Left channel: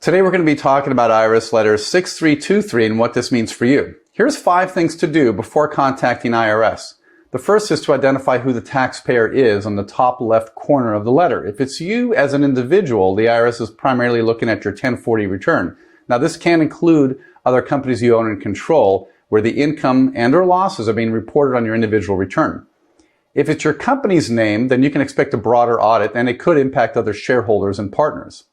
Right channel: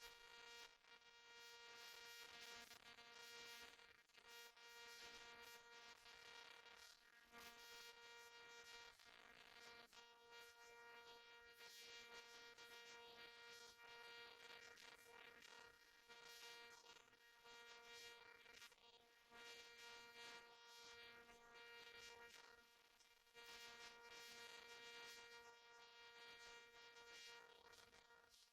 Today we're going to be talking about IRS Letter 6323 and what this means for you. Here's 5 things to do before contacting IRS. The first is to identify who the taxpayer is on the top left corner of the letter. If it's you as an individual, the IRS is primarily looking at your 1040 return. Now this can include other companies you own and control where the income and or losses are being reported on your individual return. If it's your company's name, then you can expect a broader audit and it could impact other shareholders and partners.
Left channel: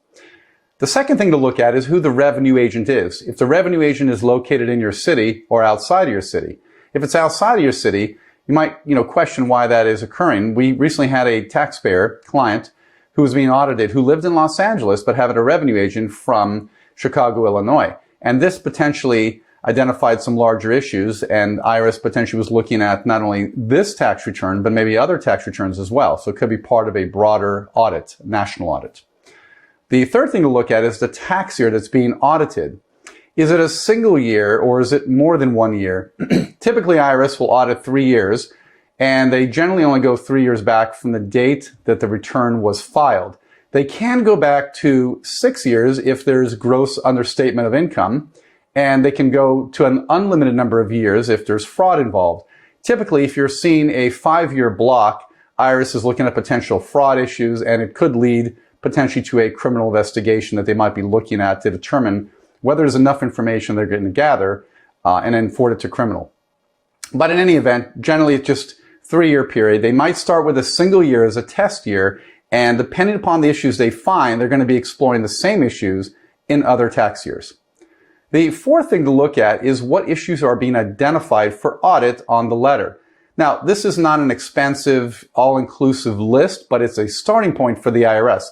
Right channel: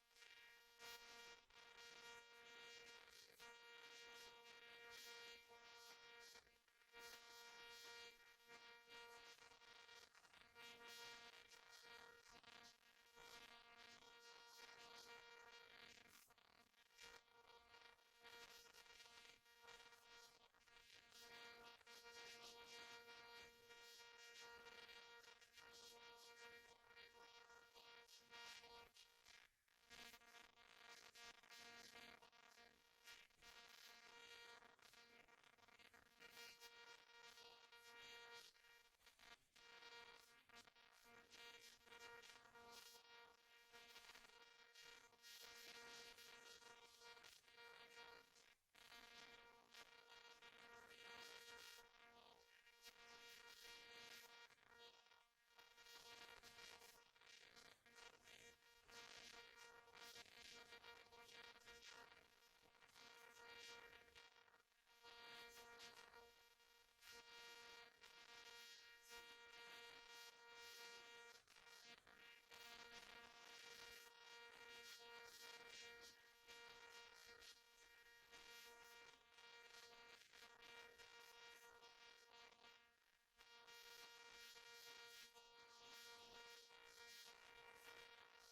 The second thing to look at is who the revenue agent is. If the revenue agent is located in your city or outside of your city. If it's outside of your city, you might question why that is occurring. We recently had a taxpayer client who was being audited who lived in Los Angeles but had a revenue agent from Chicago, Illinois. And this potentially identified some larger issues, and IRS potentially was looking at not only this tax return but maybe other tax returns as well. So it could be part of a broader audit, national audit. The third thing to look at is the tax year that's being audited. Is it a single year or is it more than 1 year? Typically, IRS will audit 3 years, and they generally only go 3 years back from the date that the return was filed. They can go back to 6 years if there's gross understatement of income, and they can go to an unlimited number of years if there's fraud involved. Typically, if you're seeing a 5-year block, IRS is looking at potential fraud issues, and it could lead potentially to a criminal investigation that they might be looking at to determine whether there's enough information they're going to gather and then forward it to criminal. But in any event, generally it's just 3-year period. They might start with a single year as a test year, and depending upon the issues they find, they're going to be exploring the same issues in other tax years. The fourth thing to look at is what issues are being identified for audit on the letter. Now, this is not an expensive, all-inclusive list, but it's a starting point for the IRS.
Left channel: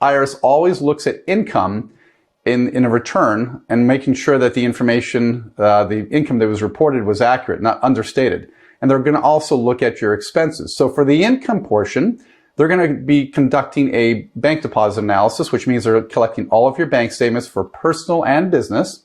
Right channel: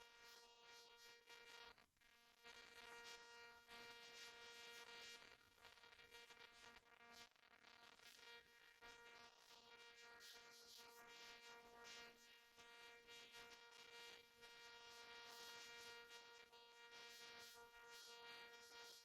IRS always looks at income in a return and making sure that the information, the income that was reported was accurate, not understated. And they're going to also look at your expenses. So for the income portion, they're going to be conducting a bank deposit analysis, which means they're collecting all of your bank statements for personal and business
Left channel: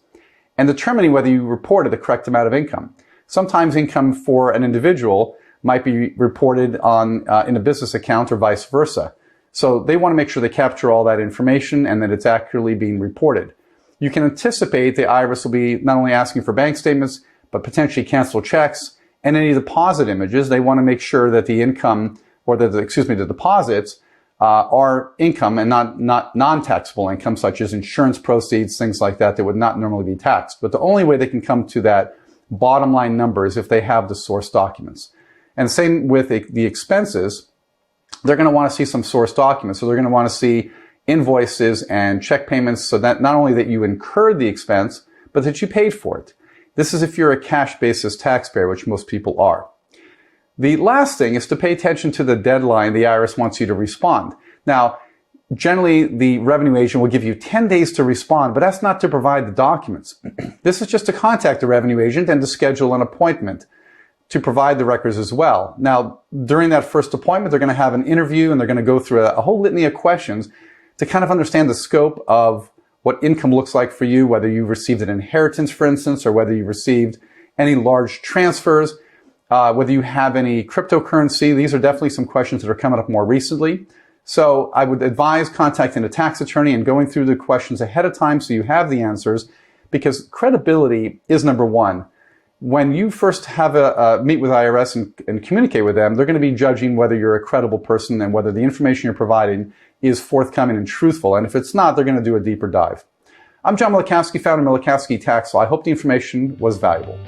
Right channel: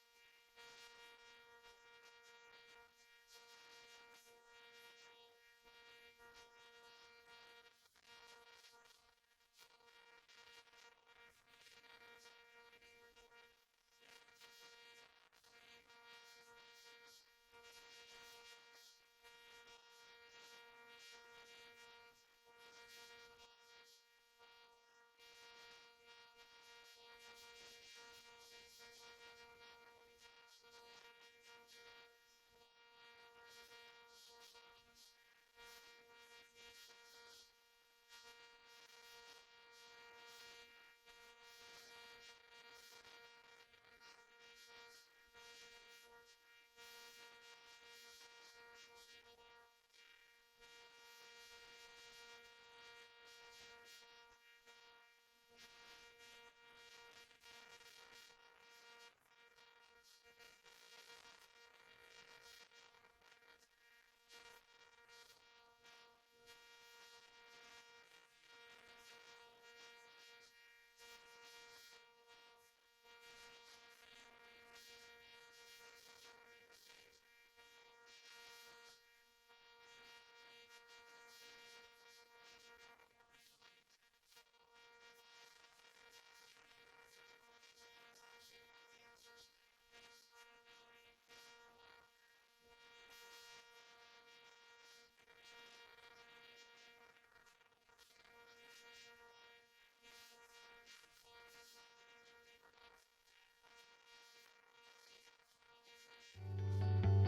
and determining whether you reported the correct amount of income. Sometimes income for an individual might be reported on in a business account or vice versa. So they want to make sure they capture all that information and that it's accurately being reported. You can anticipate the IRS will be not only asking for bank statements, but potentially cancel checks and any deposit images. They want to make sure that the income, or the deposits are income and not non-taxable income, such as insurance proceeds, things like that would not normally be taxed. But the only way they can come to that bottom line number is if they have the source documents. And same with the expenses. They're going to want to see some source documents. So they're going to want to see invoices and check payments so that not only that you incurred the expense, but that you paid for it. This is if you're a cash basis taxpayer, which most people are. The last thing is to pay attention to the deadline the IRS wants you to respond. Now, generally the revenue agent will give you 10 days to respond, but that's not to provide the documents. This is just to contact the revenue agent and to schedule an appointment to provide the records as well. Now, during that first appointment, they're going to have an interview and they're going to go through a whole litany of questions to kind of understand the scope of what income looks like for you, whether you received an inheritance, for instance, or whether you received any large transfers, whether you have any cryptocurrency. These are definitely some questions that are coming up more recently. So I would advise contacting a tax attorney and going through the questions ahead of time so you have the answers, because credibility is number one. When you first have meet with IRS and communicate with them, they're going to be judging whether you're a credible person and whether the information you're providing is forthcoming and truthful. And if it's not, they're going to do a deeper dive. I'm John Milikowski, founder of Milikowski Tax Law. I hope the information was valuable.